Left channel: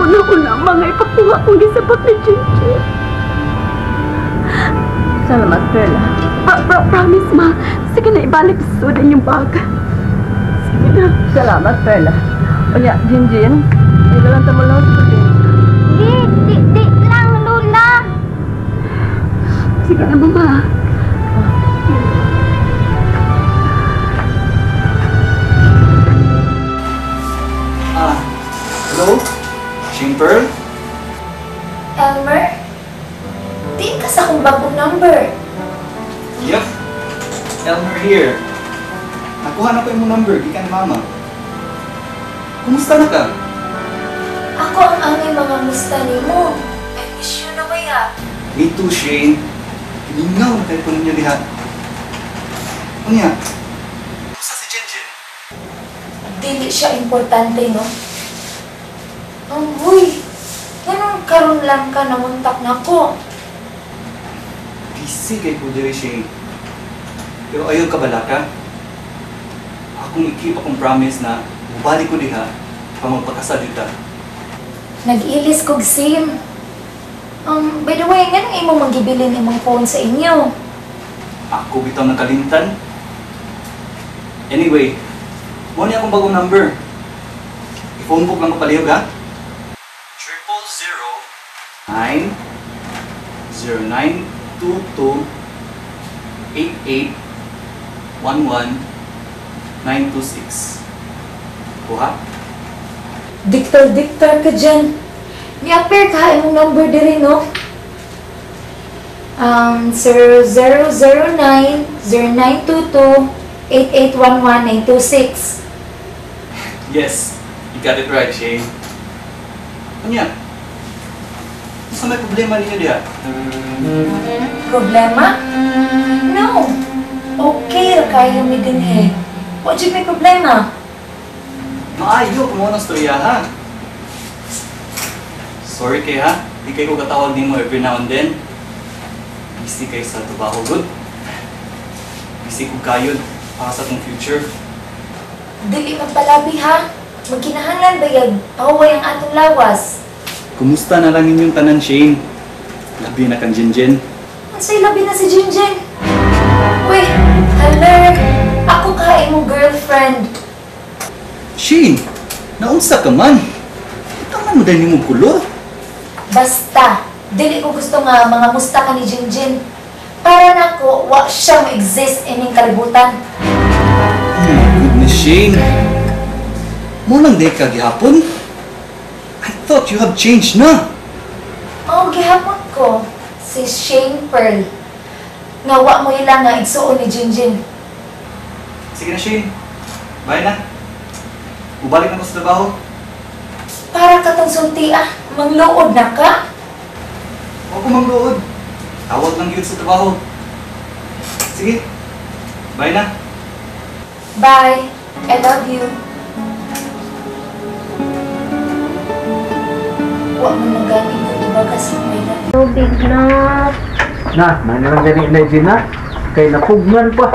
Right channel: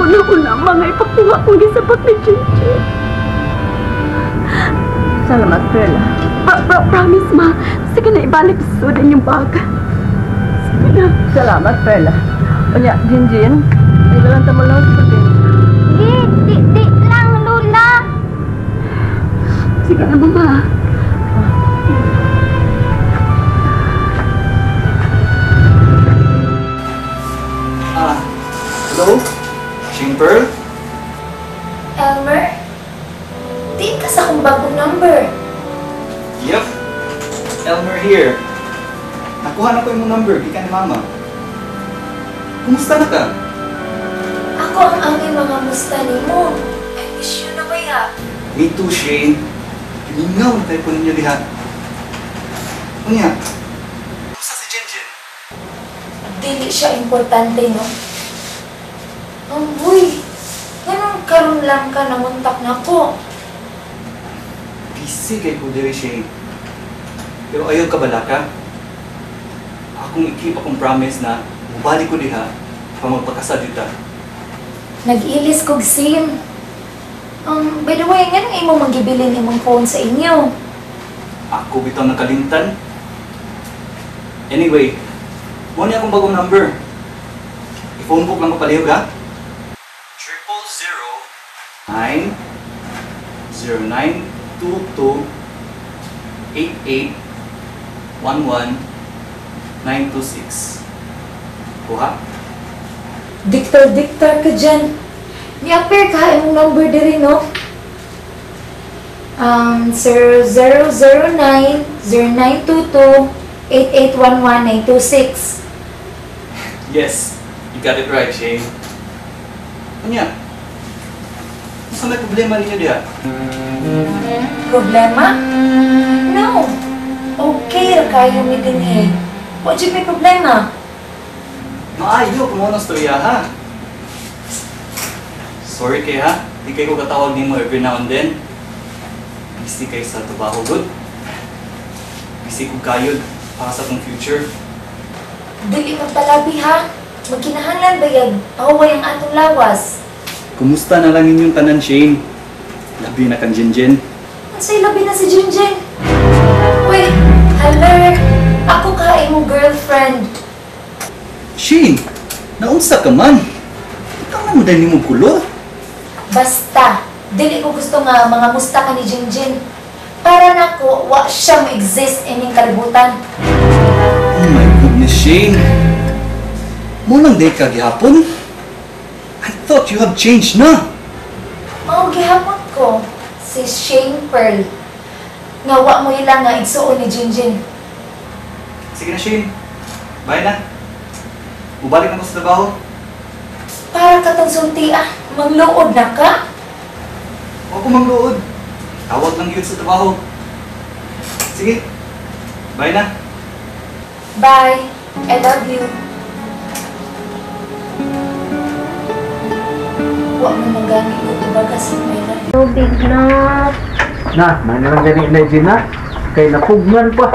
una mga ipakuha kong gisabot ni JenJen. Salamat, Perla. Promise, ma. Sige na, ibalik sa sudan yung bag. Sige na. Salamat, Perla. O ya, JenJen, ilalan mo lang sa probinsya. Di lang, Lola. Sige na, mama. Hello? Pearl? Elmer? Di ka sa akong bagong number. Yup. Elmer here. Nakuha na ko yung number, di ka ni Mama. Kumusta na ka? Ako ang aming mga musta ni mo. I miss you na kaya. Me too, Shane. Hiningaw na kayo po ninyo diha. Ano yan? Kumusta si JenJen? Dili siya importante, no? Uy, ganun karon lang ka namuntak na ko. Busy kay po diri, Shane. Pero ayaw ka bala ka? Akong ikip akong promise na bubalik ko diha pa magpakasal dito. Nag-ilis kog sim. By the way, nga nang imo magibilin imong phone sa inyo. Ako bitaw nakalimtan. Anyway, mo niya akong bagong number. I-phone book lang ko palihog, ha? 009-0922-8811-926. Kuha? Diktar ka dyan. Ni-appear ka imong number diri, no? 009-0922-8811-926. Yes, you got it right, Shane. Ano yan? Saan may problema ninyo diha? Problema? No. Okay ra kayo mi dinhi. Wa jud may problema. Maayo kung ano storya, ha? Sorry kay ha, di kayo ko katawag nimo every now and then. Busy kayo sa trabaho, good? Busy ko kayo para sa itong future. Dili magpalabi ha. Magkinahanglan ba yan? Paway ang atong lawas. Kumusta na lang inyong tanan, Shane? Labi na kang JenJen. Unsay labi na si JenJen? Uy, haler. Ako ka imong girlfriend. Shane, naunsa ka man? Ito mo dahil mong kulo? Basta, dili ko gusto nga mga musta ka ni JenJen. Para nako, wa siya ma-exist ining kalibutan. Oh my goodness, Shane. Mulang day ka gihapon? I thought you have changed na. Oh, gihapon ko, si Shane Pearl. Nga wa mo ilang nga igsuon ni JenJen. Sige na, Shane. Bye na. Ubalik na ko sa trabaho. Para ka tong sulti mangluod na ka? Huwag ko mangluod. Tawag lang yun sa trabaho. Sige. Bye na. Bye. I love you. Wa mo nang gamit ko ibaga sa pera. Tubig na. May nalang gani na na. Kay napugnan pa.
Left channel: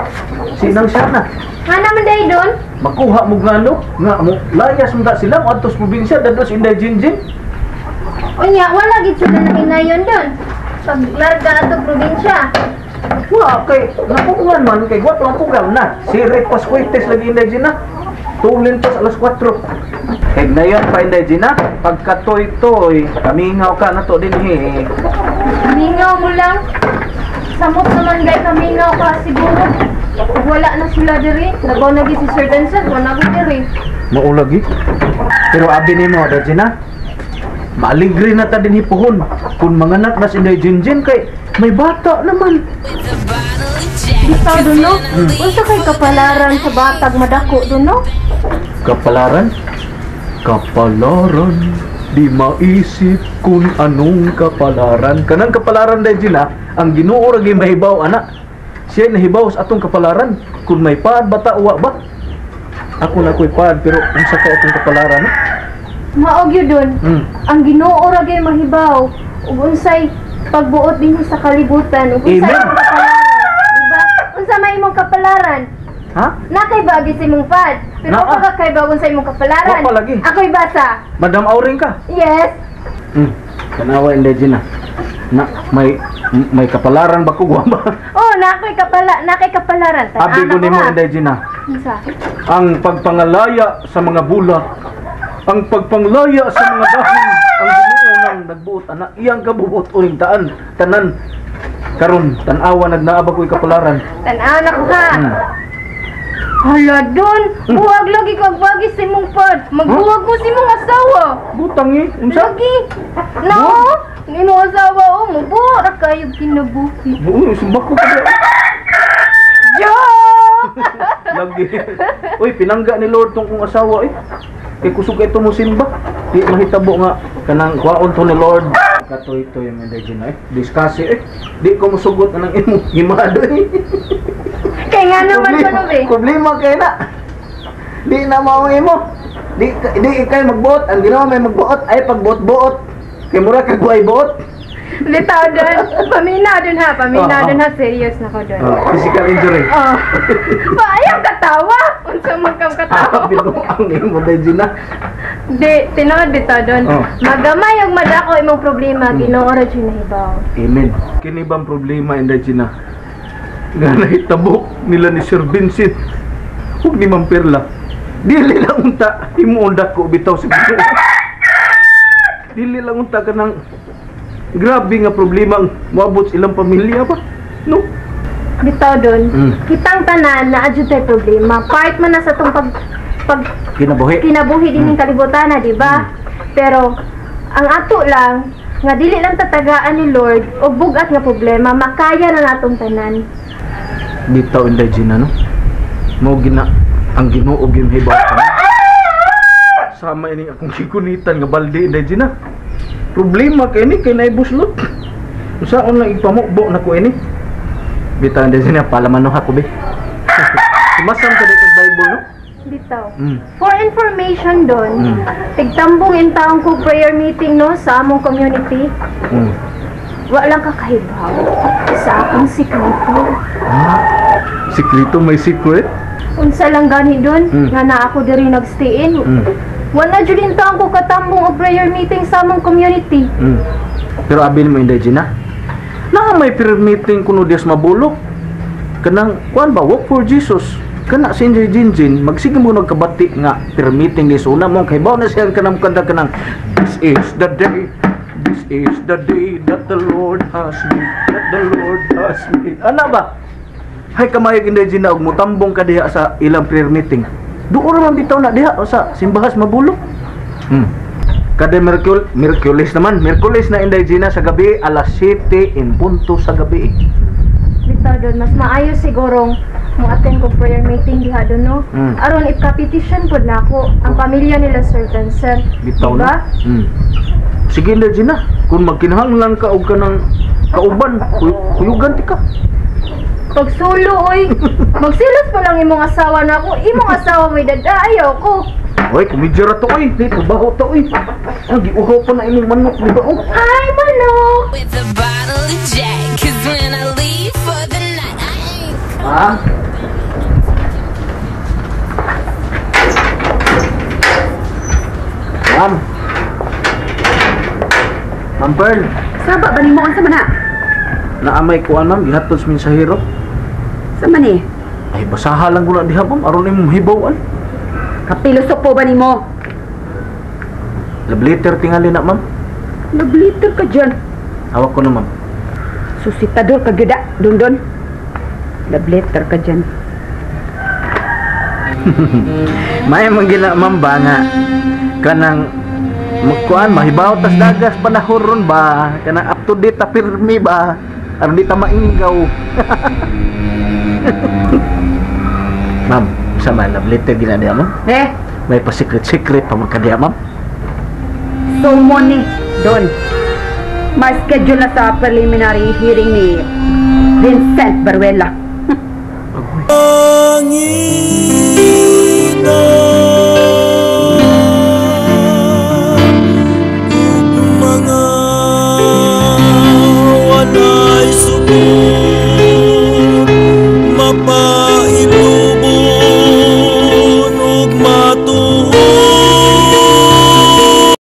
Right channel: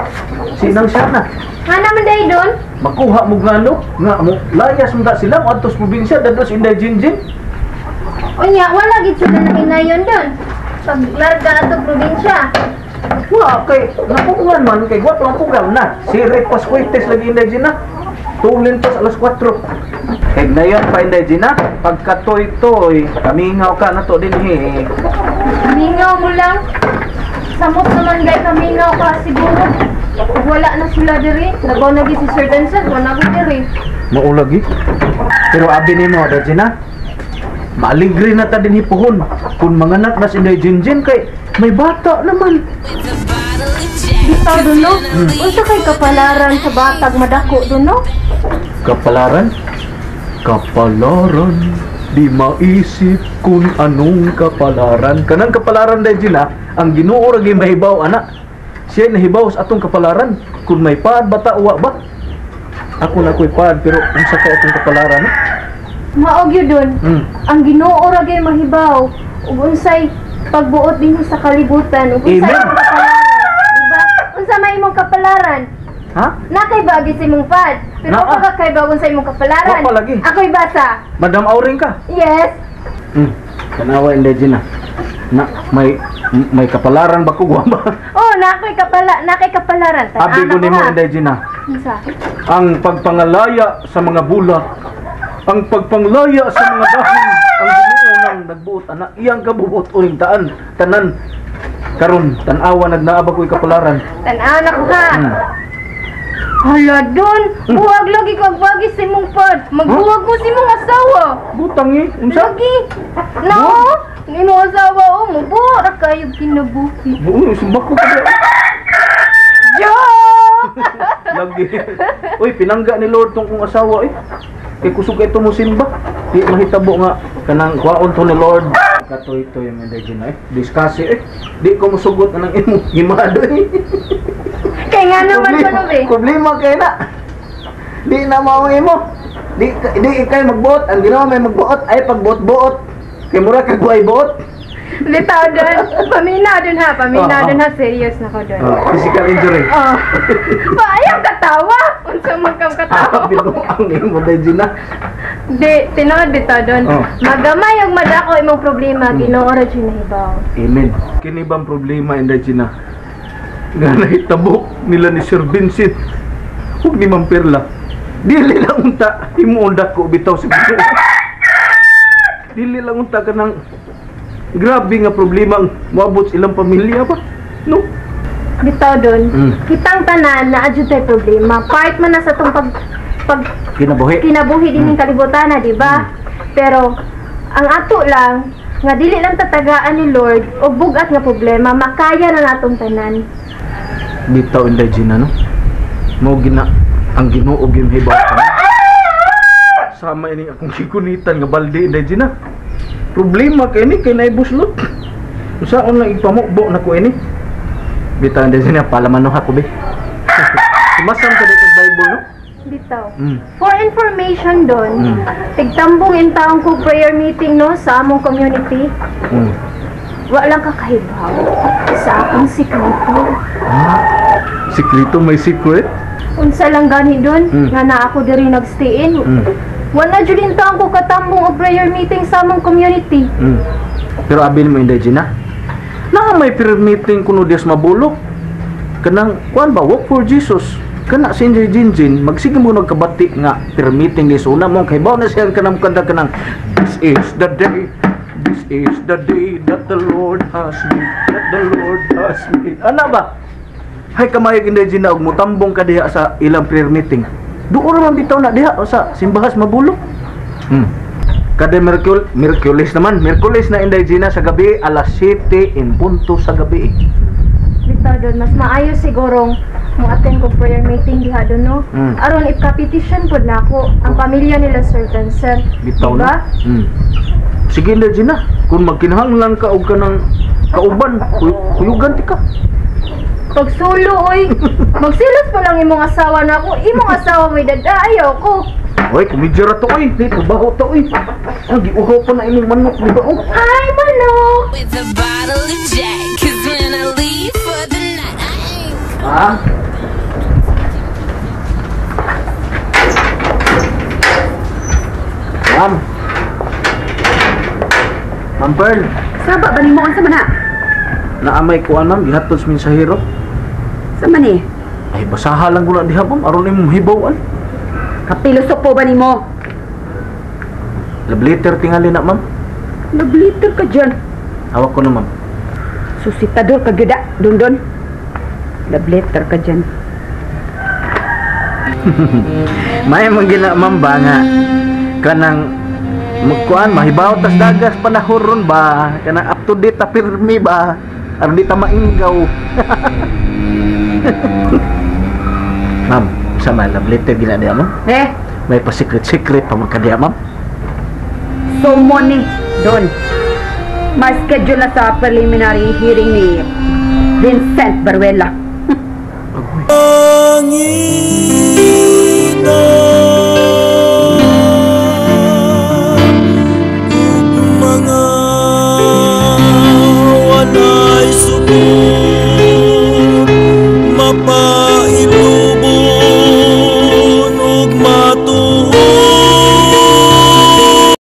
Sinang siya na. Nga naman dahil doon? Makuha mo gano. Nga mo, layas mo sila. O atos probinsya. Dados inday JenJen. Unya, wala gid sila na hinayon doon. Pag larga ato probinsya. Wah, kay napugnan man. Kay wat lang pugaw na. Si Pascuites lagi inday JenJen na. Tulin pa sa alas 4. Kay na yun pa inday JenJen na. Pagkatoy-toy. Kamingaw ka na to din eh. Kamingaw mo lang. Samot naman dahil kamingaw ka siguro. Pag wala na sila diri, nagaw na si Sir Denson, wala ko diri. Maulagi. Pero abi ni mo, JenJen na. Maaligri na ta din hipuhon. Kung manganak na si JenJen kay may bata naman. Bitaw doon, no? Unsa kay kapalaran sa batag madako doon, no? Kapalaran? Kapalaran. Di maisip kung anong kapalaran. Kanang kapalaran dahil na, ang Ginoo ra gyud mahibaw anak. Siya nahibaw sa atong kapalaran. Kung may paad bata uwa ba? Ako na ko'y paad pero unsa kay atong kapalaran? Maog yun doon. Ang Ginoo ra gyud mahibaw. Ug unsay pagbuot dinhi sa kalibutan. Ug unsay Amen. imong kapalaran, diba? Unsa may imong kapalaran? Ha? Nakay bagay sa imong pad. Pero ako kay bawon sa imong kapalaran. Wa pa lagi. Ako'y basa. Madam Auring ka. Yes. Kanawa hindi Gina. Na may kapalaran ba ko ba? Oh, nakay kapalaran. Abi ko nimo hindi Gina. Unsa? Ang pagpangalaya sa mga bulak, ang pagpanglaya sa mga dahon, ang ginuunang nagbuot ana iyang kabubuot uning tanan karon tan-awa nagnaaba ko'y kapalaran. Tan-aw na ko ha. Hala Don, buwag lagi kag bagi sa imong pod. Magbuwag mo sa imong asawa. Butang unsa? Lagi. No, imong asawa mo buwag ra kayo kinabuhi. Uy, sumbak ko pa. Jo! Lagi. Uy, pinangga ni Lord tong kong asawa eh. Kay kusog ito mo simba. Di mahitabo nga kanang kwaon to ni Lord. Katoy-toy yung hindi Gina eh. Diskasi eh. Di ko musugot anang imo himado eh. Kaya nga naman ko no be. Problema kay na. Di na mao imo. Di kay magbuot, ang ginawa may magbuot ay pagbuot-buot. Kay mura kag buhay buot. Litaw Don. Paminadon ha. Serious na ko Don. Physical injury. Oh. Paayang katawa. Unsa man kang katawa? Bitaw ang imo dai Gina. Di, tinod bitaw Don. Magamay ang madako imong problema, Ginoo ra jud nahibaw. Amen. Kini bang problema inday Gina? Nga nahitabo nila ni Sir Vincent ug ni Ma'am Perla. Dili lang unta imo undak ko bitaw sa Ginoo. Dili lang unta kanang grabe nga problema ang moabot sa ilang pamilya ba? No? Bitaw Don, kitang tanan na adjud tay problema. Part man na sa tong pag kinabuhi din ning kalibutan na, di ba? Pero ang ato lang nga dili lang tatagaan ni Lord og bugat nga problema, makaya na natong tanan. Bitaw inday Gina no? Mao gina ang Ginoo gyud hibaw pa. Sama ini akong kikunitan nga balde inday Gina. Problema kay ni kay naibuslot. Usaon lang ipamukbo na ko ini. Bitaw inday Gina palaman ako be. Sumasam ka dito sa Bible no? Bitaw. For information Don, tigtambong in taong ko prayer meeting no sa among community. Wa lang kakahibaw sa akong sikreto. Sikreto may secret? Unsa lang gani Don, nga na ako diri nagstay in. Wala jud in taong ko katambong og prayer meeting sa among community. Pero abil mo inday Gina. Na may prayer meeting kuno Dios mabulok. Kanang kuan ba work for Jesus. Kana si JenJen magsige mo nagkabati nga prayer meeting ni una mo kay bawo na siya kanang kanta kanang this is the day that the Lord has made, that the Lord has made. Ana ba? Hay kamayag inday Gina og mutambong ka diha sa ilang prayer meeting. Duo ra man bitaw na diha sa simbahas mabulok. Kada Miyerkules na inday Gina sa gabi alas 7 in punto sa gabi. Bitaw Don, mas maayo sigurong mo-attend ko prayer meeting diha Don no. Aron ipka-petition pud nako ang pamilya nila Sir Vincent. Bitaw na. Sige inday Gina, kung magkinahanglan ka og kanang kauban, kuyugan ti ka. Pagsulo oy, magsilos pa lang imong asawa nako. Imong asawa may dadayaw ko. Oy, kumidjara to oy, di trabaho to oy. Ang giuhaw pa na imong manok di ba? Oh. Hi manok. With a bottle of Jack, 'cause when I leave for the night, I ain't. Ma'am Pearl, Saba ba nimo unsa man na? naamay kuan ma'am gihatod sa mensahero. Sa man eh? Ay basaha lang guna diha ma'am aron imong hibawan. Kapilusok po ba nimo? Love letter tingali na ma'am. Nabliter ka dyan. Hawak ko na ma'am. Susitador ka gida, Dondon. Nabliter ka dyan. May manggina ma'am ba nga kanang magkuan mahibaw tas dagas panahon ron ba kanang up to date ta pirmi ba aron di ta maingaw. Ma'am, sama love letter gina diha ma'am. May pa secret pa man kadiya ma'am. So mo ni, Don. Ma-schedule na sa preliminary hearing ni Vincent Baruela. Panginoon